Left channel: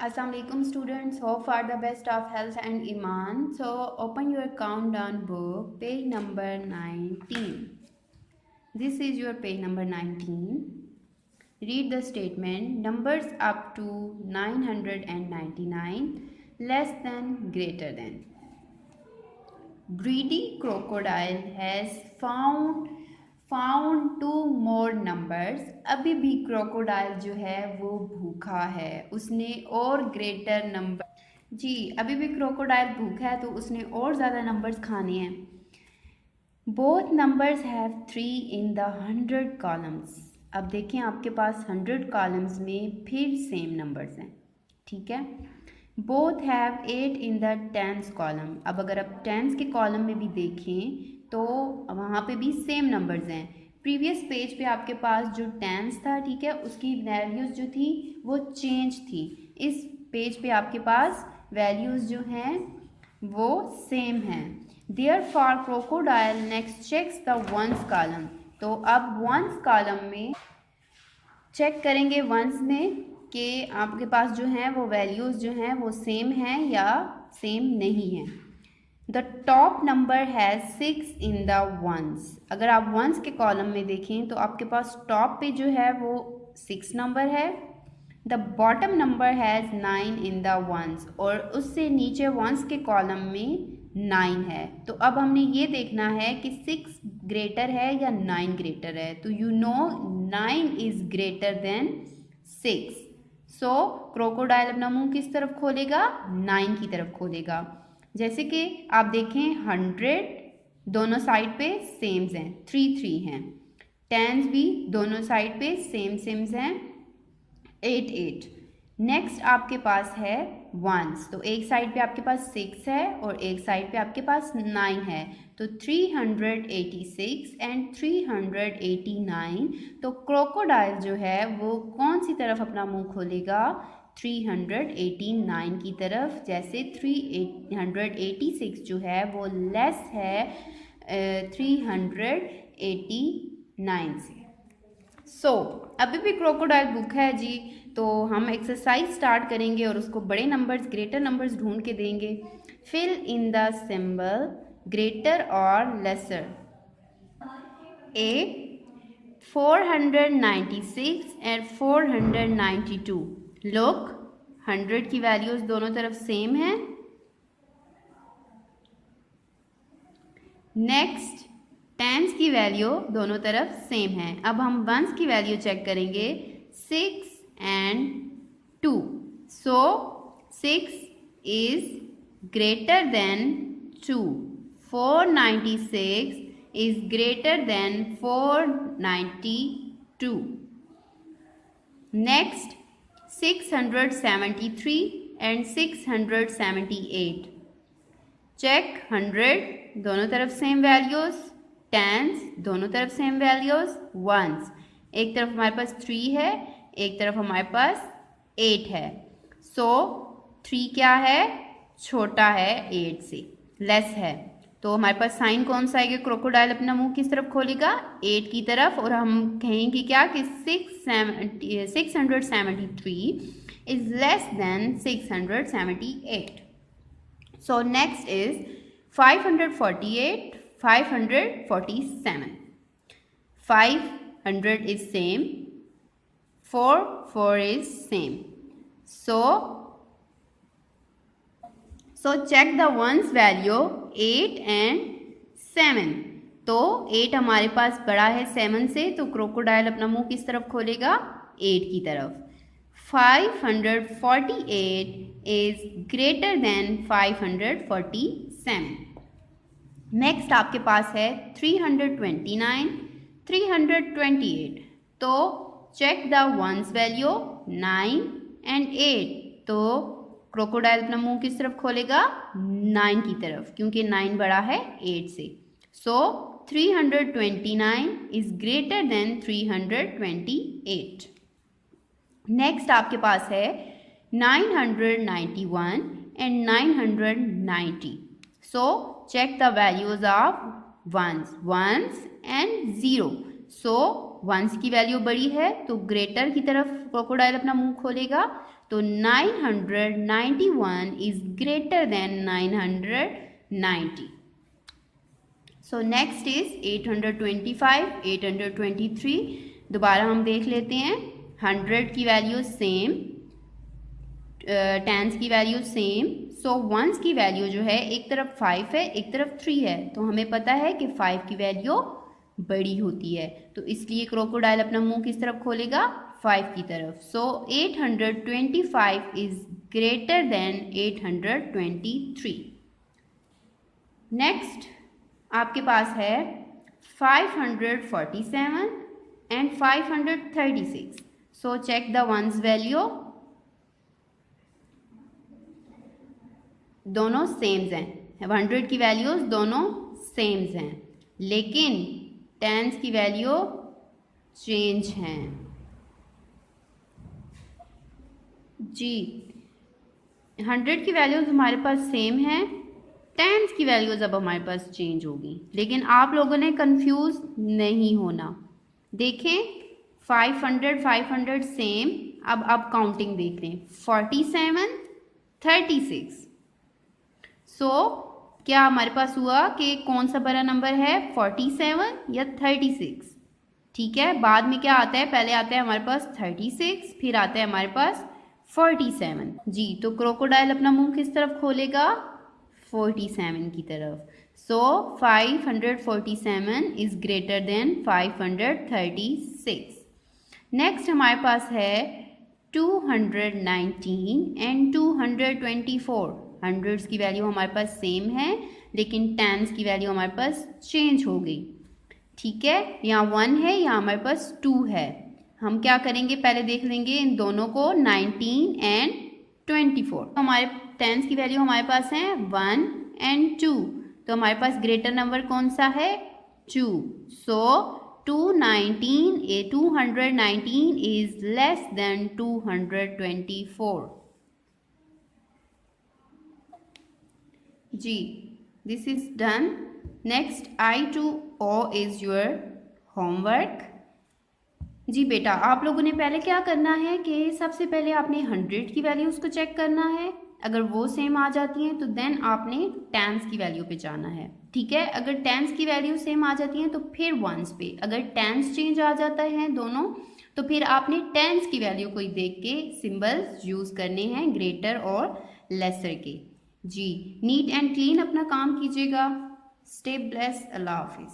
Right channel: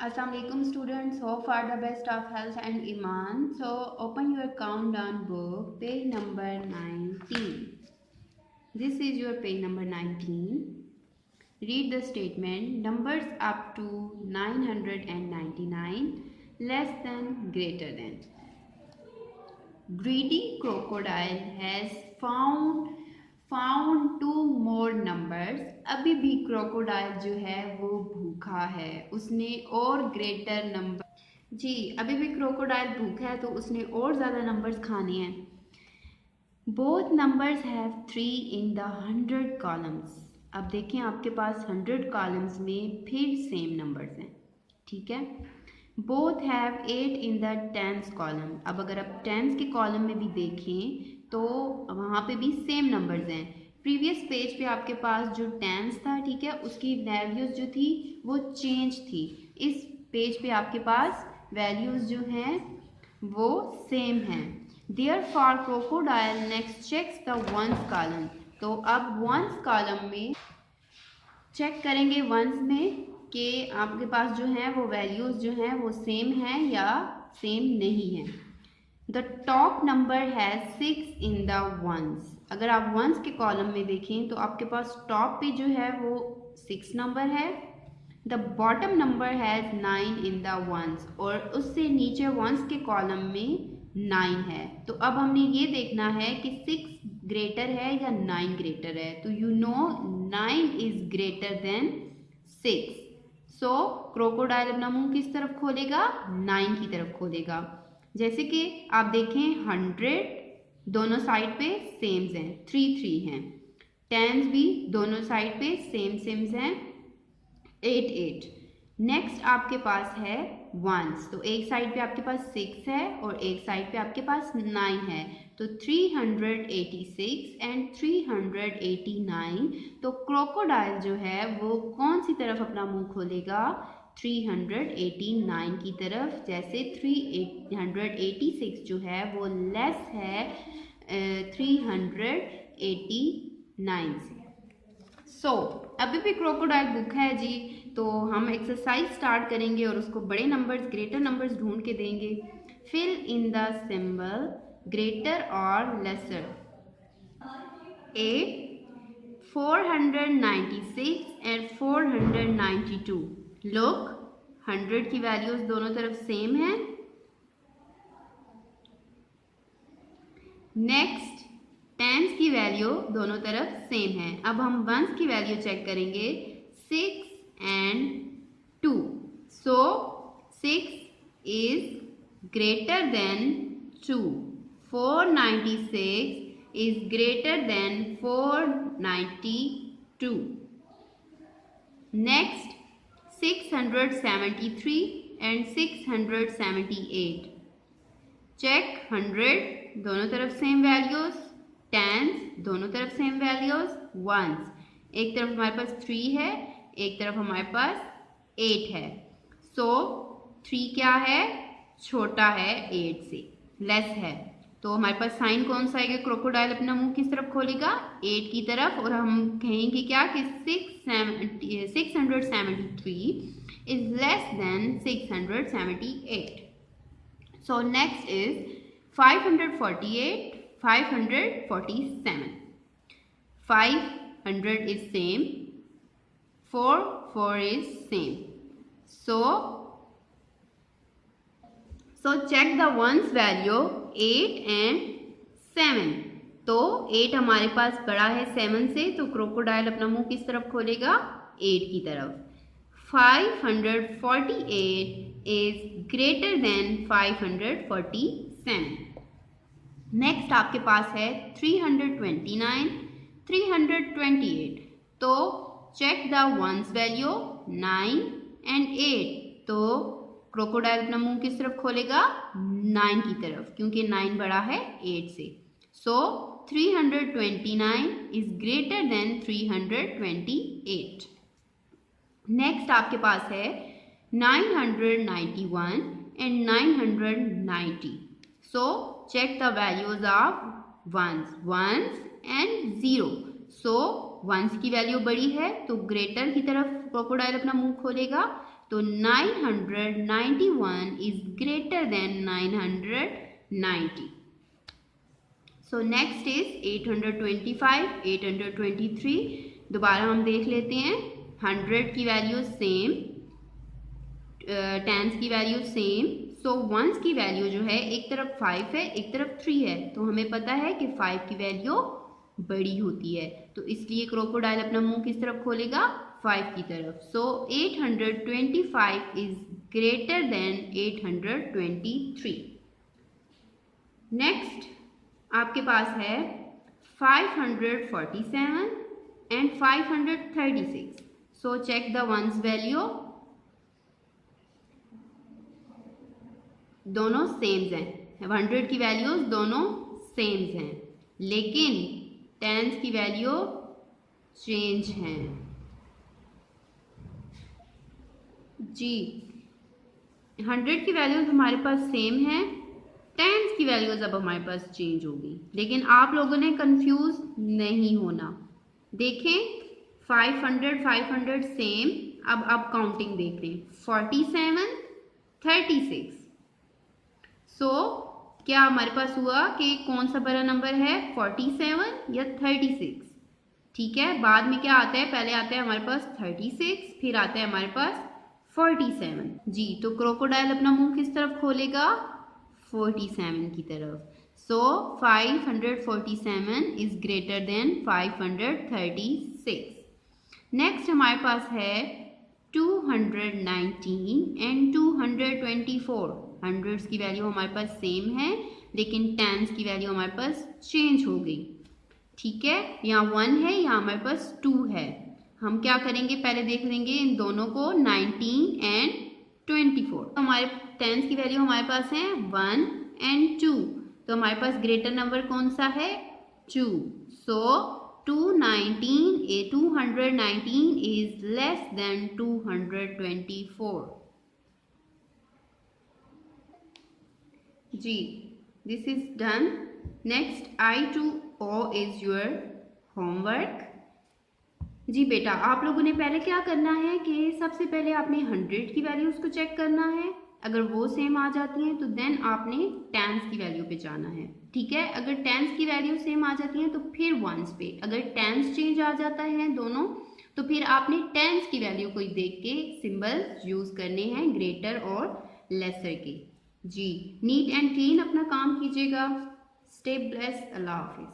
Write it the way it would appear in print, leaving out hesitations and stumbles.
Assalamualaikum students, hope for the best of health and iman. So open your countdown book, page number 19. This is your page number 19. Read the statement, numbers up to 999, less than, greater than. Greedy crocodile has found two more numbers. अभी भी crocodile जो है वो भूखा है, उसने और greater number जी अभी भी क्रोकोडाइल भूखा है तो उसने और ज़्यादा नंबर्स खाने हैं. Both numbers have 3 in the 100 columns. अब देखें आपके पास 100 कॉलम्स में फिर सेम नंबर्स हैं. ठीक है. Both have 8 in the 10th column. अब अगर आप 10th के कॉलम में भी देखें तो वहाँ पे भी सेम नंबर्स हैं. प्रीवियस पेज पे आपके पास जो 10th था, ठीक है, उसकी वैल्यूज़ जो थी वो चेंज थी. इस पेज पे आपके पास वैल्यूज़ जो हैं वो सेम हैं. Therefore crocodile next checks the ones column. तो अब वंस कॉलम में चेक करेंगे वंस में कि आपके पास जो है वो वैल्यूज़ जो हैं वो सेम हैं या सेम नहीं हैं. The top number has 6 in the ones. अगर आप वंस के कॉलम में देखें तो आपके पास टॉप पे जो है वो 6 नंबर है. The bottom number has 9 in the ones. और उससे नीचे वंस के कॉलम में 9 है. तो अब हमने ये देखना है कि 6 ग्रेटर है या 9 ग्रेटर है. तो you know 9 is greater than 6. So crocodile अपना मुंह किस तरफ खोलेगा? 9 की तरफ खोलेगा. जैसे कि आप देखें 100 दोनों साइड पे सेम्स हैं, 3 हैं. 10 भी दोनों साइड पे सेम्स हैं, 8. नेक्स्ट आपके पास है वंस. तो एक साइड पे आपके पास 6 है और एक साइड पे आपके पास 9 है. तो 386 एंड 389. तो क्रोकोडाइल जो है वो कौन सी तरफ अपना मुंह खोलेगा? 389 की तरफ. जैसे 386 जो है वो लेस है 389 से. सो अभी भी क्रोकोडाइल भूखा है जी. तो हम एक्सरसाइज स्टार्ट करेंगे और उसको बड़े नंबर्स, ग्रेटर नंबर्स ढूंढ के देंगे. Fill in the symbol greater और लेसर. A 496 and 492. लुक, 100 की वैल्यूज दोनों तरफ सेम है. नेक्स्ट 10 की वैल्यू दोनों तरफ सेम है. अब हम वंस की वैल्यू चेक करेंगे, 6 and 2. So 6 is greater than 2. 496 is greater than 492. Next 673 and 678. Check 100 दोनों तरफ सेम वैल्यूज, 10 दोनों तरफ सेम वैल्यूज, वंस एक तरफ हमारे पास 3 है, एक तरफ हमारे पास 8 है. सो 3 क्या है? छोटा है 8 से, लेस है. तो हमारे पास साइन कौन सा आएगा? क्रोकोडाइल अपना मुंह किस तरफ खोलेगा? 8 की तरफ. और हम कहेंगे क्या कि 673 is less then 678. So next is 548, 547. 500 is same, 4 is same. So check the ones value 8 and 7. तो 8 हमारे पास बड़ा है 7 से, तो क्रोकोडाइल अपना मुंह किस तरफ खोलेगा? 8 की तरफ. 548 is greater than 547. नेक्स्ट आपके पास है 329, 328. तो check the ones value 9 and 8. तो क्रोकोडाइल अपना मुंह किस तरफ खोलेगा? 9 की तरफ, क्योंकि 9 बड़ा है 8 से. सो 329 इज ग्रेटर देन 328. नेक्स्ट आपके पास है 991 and 990. So check the values of ones and 0. So ones की वैल्यू बड़ी है तो ग्रेटर की तरफ क्रोकोडाइल अपना मुंह खोलेगा. तो 991 is greater then 990. So next is 825, 823. दोबारा हम देख लेते हैं. 100 की वैल्यू सेम, टेंस की वैल्यू सेम. सो वंस की वैल्यू जो है एक तरफ 5 है, एक तरफ 3 है, तो हमें पता है कि 5 की वैल्यू बड़ी होती है, तो इसलिए क्रोकोडाइल अपना मुंह किस तरफ खोलेगा? 5 की तरफ. So 825 is greater than 823. Next आपके पास है 547 and 536. So check the ones value. दोनों सेम्स हैं. 100 की वैल्यूज दोनों सेम्स हैं, लेकिन टेंस की वैल्यू चेंज हैं. जी 100 की वैल्यूज हमारे पास सेम है, टेंस की वैल्यूज अब हमारे पास चेंज होगी. लेकिन आप लोगों ने कंफ्यूज नहीं होना. देखें 500 500 सेम. अब काउंटिंग देख लें. 47 36. सो क्या हमारे पास हुआ कि कौन सा बड़ा नंबर है, 47 या 36? ठीक है, बाद में क्या आता है? पहले आता है हमारे पास 36, फिर आता है हमारे पास 47. जी तो क्रोकोडाइल अपना मुंह किस तरफ खोलेगा? 47 की तरफ. सो 547 इज ग्रेटर देन 536. नेक्स्ट हमारे पास है 219 एंड 224. हंड्रेड्स की वैल्यू हमारे पास सेम है, लेकिन टेंस की वैल्यू हमारे पास चेंज हो गई. ठीक है, यहाँ 1 है, यहाँ हमारे पास 2 है. हम क्या करेंगे? पहले देख लेंगे इन दोनों को, 19 एंड 24. हमारे टेंस की वैल्यू हमारे पास है 1 एंड 2, तो हमारे पास ग्रेटर नंबर कौन सा है? 2. So 219 is less than 224. जी this is done. Next I2O is your homework. जी बेटा, आप लोगों ने पहले क्या करना है कि सबसे पहले आपने 100 की वैल्यूज को चेक करना है. अगर वो सेम आ जाती हैं तो देन आपने टेंस की वैल्यू पे जाना है. ठीक है, अगर टेंस की वैल्यू सेम आ जाती हैं तो फिर वंस पे. अगर टेंस चेंज आ जाता है दोनों, तो फिर आपने टेंस की वैल्यू को देख के सिंबल्स यूज करने हैं, ग्रेटर और लेसर के. जी नीट एंड क्लीन अपना काम कीजिएगा. Stay blessed. अल्लाह हाफिज.